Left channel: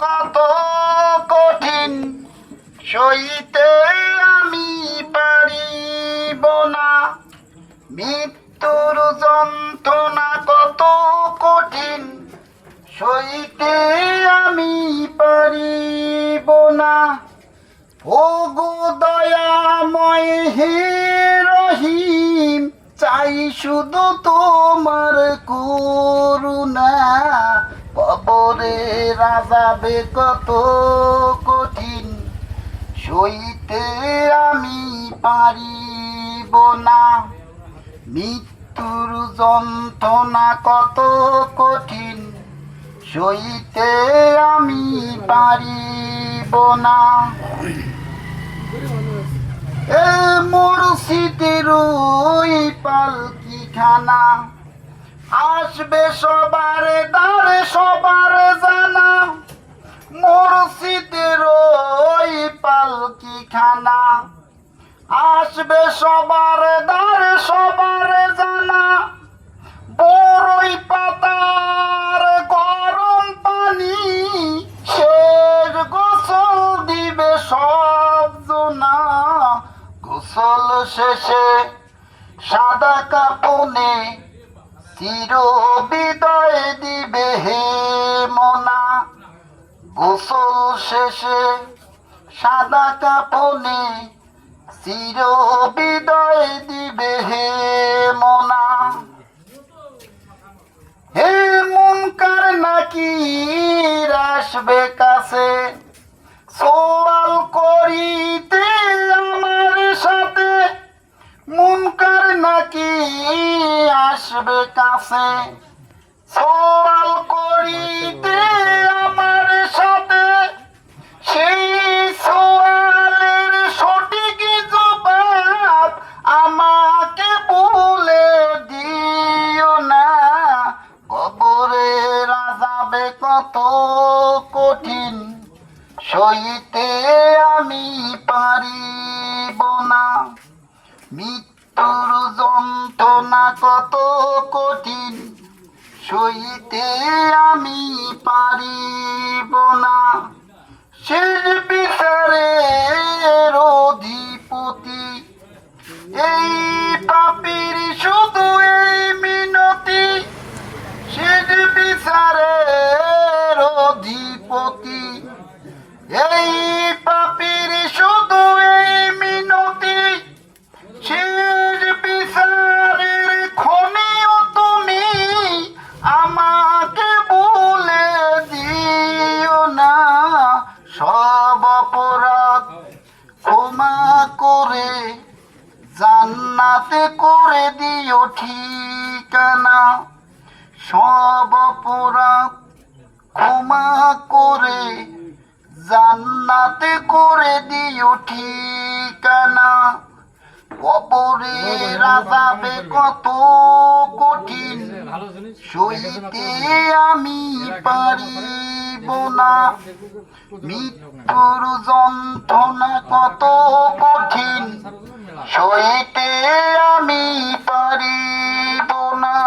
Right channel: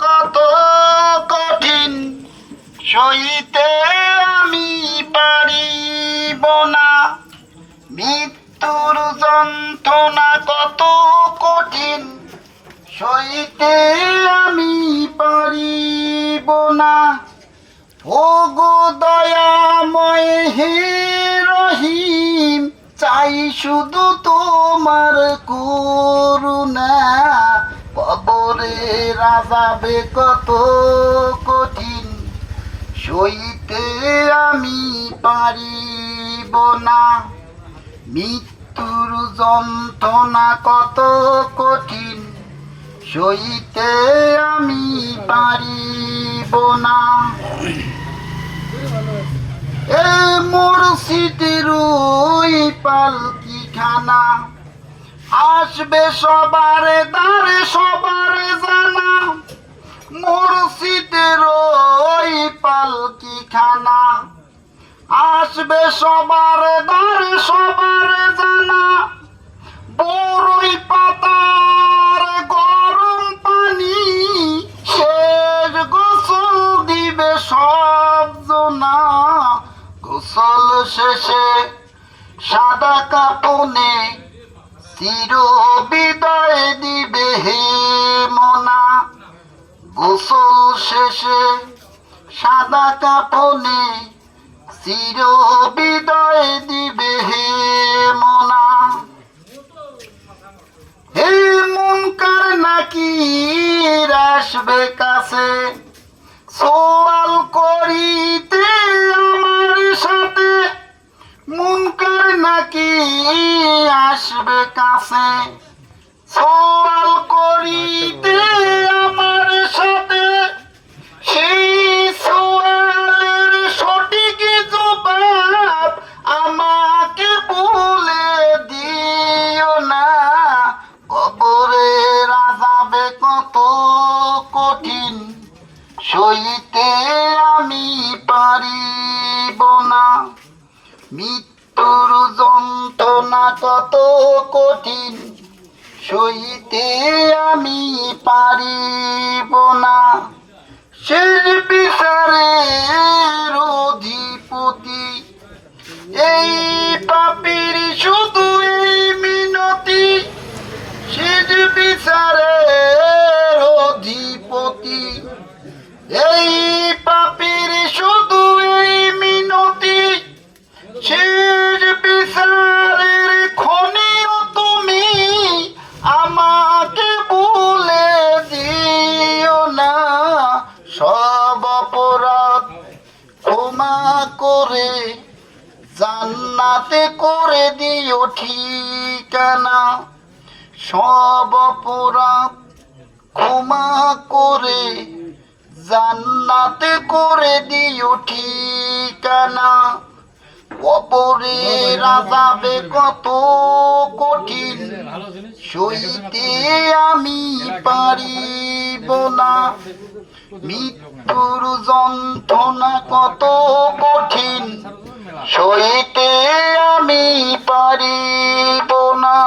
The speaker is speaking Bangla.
কত কঠিন সইতে আমি পারিব না, মৃত্যুর যন্ত্রণা কত কঠিন সইতে আমি পারিব না। ও গো দয়াময় হে রহিম, চাই শুধু তোমার করুণা। কবরের আযাবে কত কঠিন সইতে আমি পারিব না, মৃত্যুর যন্ত্রণা কত কঠিন সইতে আমি পারিব না। এ মুর্শিদের ওই পালকিখানা আসবে সবার দ্বারে সবার জানা। মুর্শিদের ওই পালকিখানা আসবে সবার দ্বারে সবার জানা। বড়ই পাতার গরম পানি শেষ গোসল দিবে সব জনা। গোসল শেষে সাদা কাপনে চির বিদায় দিবে হে মনা। গোসল শেষে সাদা কাপনে চির বিদায় দিবে হে মনা। হে মুনকার নাকির আসবে কাছে সওয়াল করিতে আমার সাথে। মুনকার নাকির আসবে কাছে সওয়াল করিতে আমার সাথে। সেই সওয়ালের সঠিক জবাব আমাকে বলে দিও না। কবরের আযাবে কত কঠিন সইতে আমি পারিব না, মৃত্যুর যন্ত্রণা কত কঠিন সইতে আমি পারিব না। শেষ বিচারের অধিপতি এই পাপীর শুধু এই মিনতি। শেষ বিচারের অধিপতি এই পাপীর শুধু এই মিনতি। শেষ বিচারের ক্ষণেও তুমি আমাকে ভুলে দিও না। সব অপরাধ ক্ষমা করে জান্নাতে করে দিও ঠিকানা। সব অপরাধ ক্ষমা করে জান্নাতে করে দিও ঠিকানা। কবরের আযাবে কত কঠিন সইতে আমি পারিব না, মৃত্যুর যন্ত্রণা কত কঠিন সইতে আমি পারিব না।